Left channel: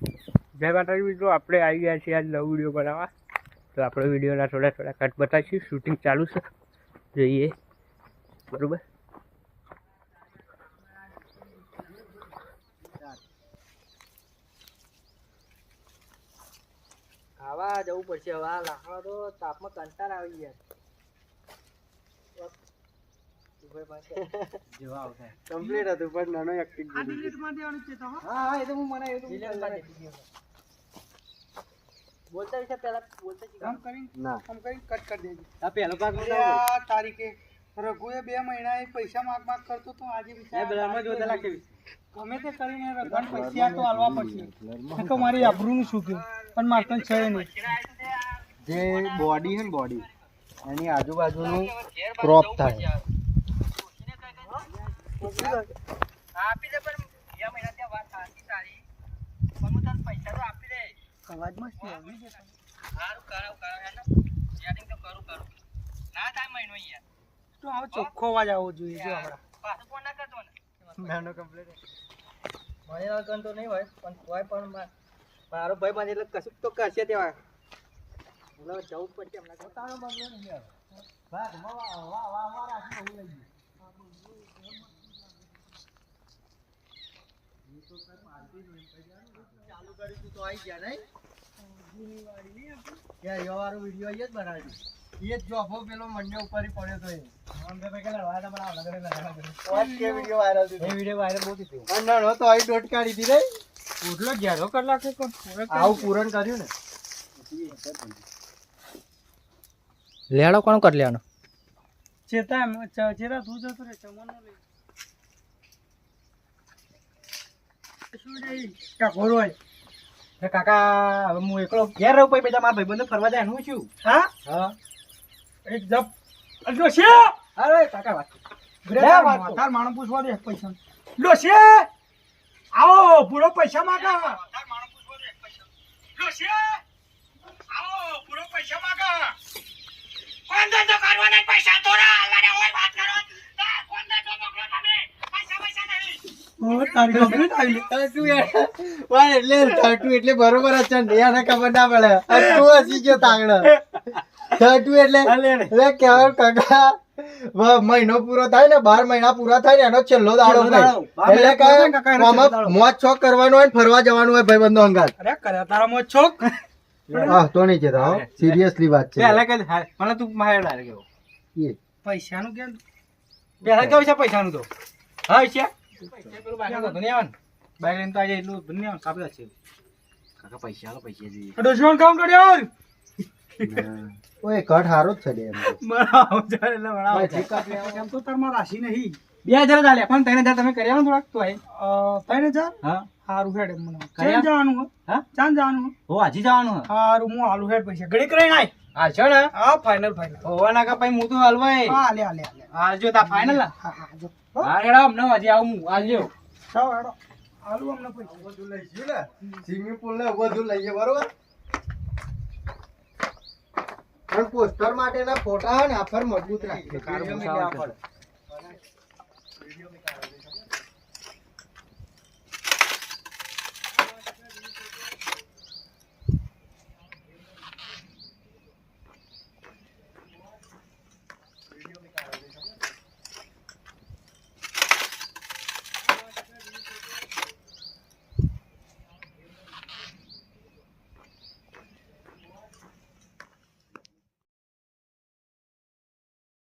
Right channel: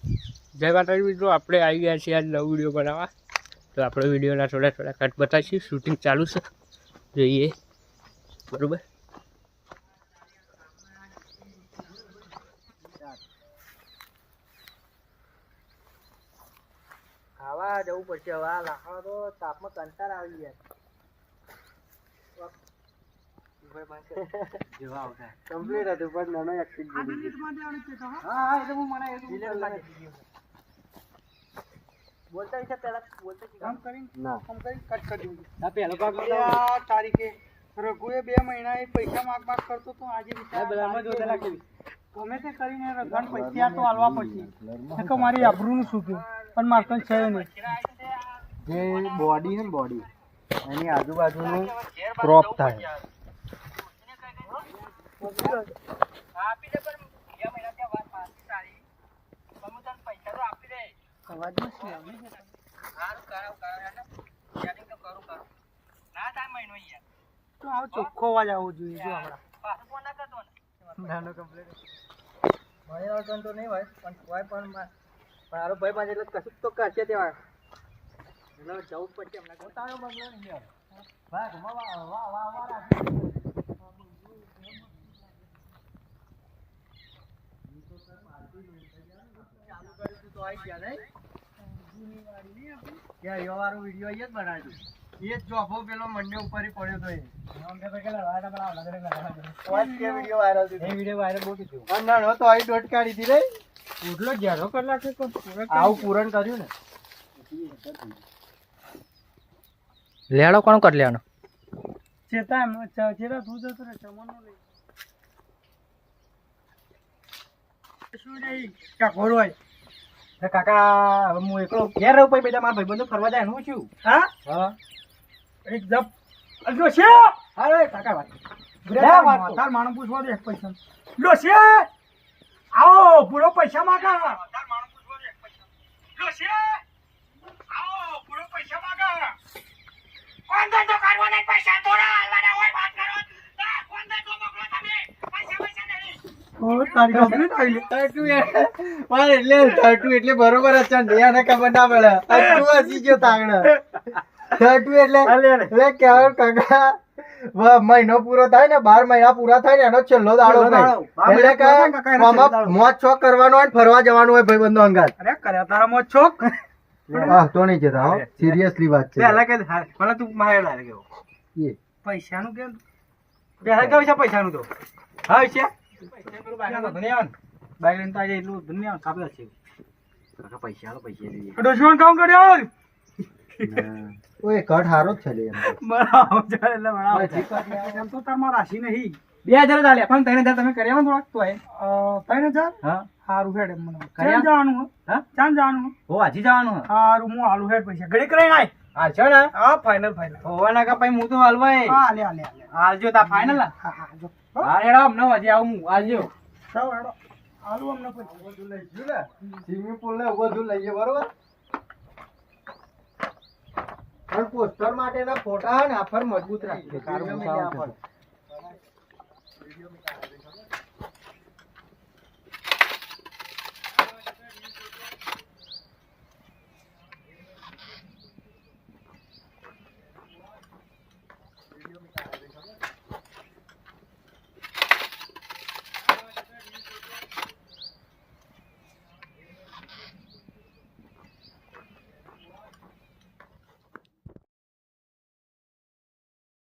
જય માતાજી મિત્રો, આપણે આવી ગયા છીએ આજ નવો વિડીયો બનાવવા. તો આપણે વિડીયોના થોડા કટ બતાવીશું. શૂટિંગ ચાલુ છે, જોઈએ બરાબર. ખાવા જવું પડશે હવે. આ લાકડો તો તાપમાં કંટાળ આવી ગયા. કમ્પ્લીટ હતું પણ નાનો એક્ટિંગ હા એ તો હું મને બોલતા વિશે પહેલા બોલતા કામ કરીને ના કામ કરીને કટ કરી દીધું. આ પહેલો ભાગ આ તારીખે રઘુએ 2 મહિના પૈસા માગ કરતો તો આજે બ્લરમાં જોતા લાગે ગમે તે કરીને રઘુને પૈસા તો આલવા પડશે. કે મારી આબરૂનું શું કહ્યું પણ મારતન છે નહીં. જે બોડી છે ને બોડી એની આજુબાજુનું ક્રોપ થાય. આપી દે પણ 2 મહિના ત્યાં વાત સાચી તારી પણ હું તને પૈસા તો આપી દે. અવાજમાં શું આવે છે? સારું કરાવ હેને સેટિંગ તો કરું ના થાય મહિનો યાર તો આવો ચોખ્ખો અવાજ આવવો જોઈએ. જો આપડા પાછો ફોન ના કરતો ને નાનો કમ્પ્લીટ મને વાગન તો નહીં હોય પણ કોઈ પણ મારો ભાઈ પાસે એટલે કશું તો કરશે તેવા એટલે જવું પડશે હમણાં તારો બગલો નહીં યાર વાહ વાહ રાખી ચાલુ કર્યું તો આવી ગયા નહીં યાર એવારો વિડિયો જ બનાવ્યો. એ જ જોફો પેલો મંડે ઉપર પડ્યો તો એ અમને તો કે લડાડા બનાવ લગડે લડાડા વાત કે વિડિયો વાયરલ થયો. એ વિડિયો વાયરલ બહુ થયો. ના નો તો આઈ ડોટ કાઢી દી રે ઓટલો ઘેરો કર લાગે કોણ આવું પૂરણ કર્યું ને લેડો કોણ કર લેવાનો ચેતા ચેતા તું જતો રે ચમનો લે શું નહીં કાકોર હોય કાકા હવે હું એકલો ઘેર રહું પછી બેટા મારા ભાઈબંધો ફરવા જાય હું છું. હા હા એક જપ અલ્લો છે. અરે કાકા વાત તાર માણસ પૂછવા દે પૈસા લો છે આવો પૂરો પૈસા માંગા તાર માણસ પૂછવા દે પૈસા લો છે આવો પૂરો પૈસા માંગા કોણ ધંધો કરવાના પૈસા થોડા હાલવાના હોય વાત કરો કોણ ધંધો મોકલો તમે પૈસા નહીં ઓ તારી કમ્પ્લીટ આવી તું યાર વાય એટલે એટલે બરોબર જ છે યાને ખબર ના પડે તું હસી ગયો તાંગડા એટલે કેવું કાકા મહિનો પૂરો થાય ને 12 મહિના પૂરા થાય ને એનો છેલ્લો દાડો એટલે મોજ શોખ કરવાનો હોય ફરવા જવાનું હોય ભાઈબંધો અંગાત. અરે કર્યા તારા મોજ શોખ તો નહીં જતા સિરિયસલી વાત છે. મને તું માહેર લાગ્યો એ પૈસાનું કેમ પહેલા કેવું છે પૈસાનું તો હા છે બાઈક લઈને તો આજે એટલું દુનિયા કાપડા છે કાકા પૈસા જોઈએ દુશ્મન કામ કર્યો ઓય કટ હારો જ છે લે એમ તો તારમાં રાશિ નહીં 2000 ચાલે પણ 3000 તમે કર્યા થોડાક તો 3000 હા હારું હેડ મને ક્યાં જવાનું હા ક્યાં જવાનું હો હજી જવાનું હારું હું હાલું હેડ પૈસા ઘડી કરીને આય આ છે ને હા ફાઇનલ હોવા ના કા ભાઈ હું તો હાલવાય હા લે હાલજો તા ફાઇનલ હા હા જો હા હેડો અમને હજી આવું હું હાલજો ચાલ હેડો હાલું અમને પૈસા બધું લઈશું ને સ્વિમિંગ પૂલ ને બધું લઈએ બરોબર પણ પોસ્ટર માટેના ફોટા ને આફર મજબૂત રાખજો.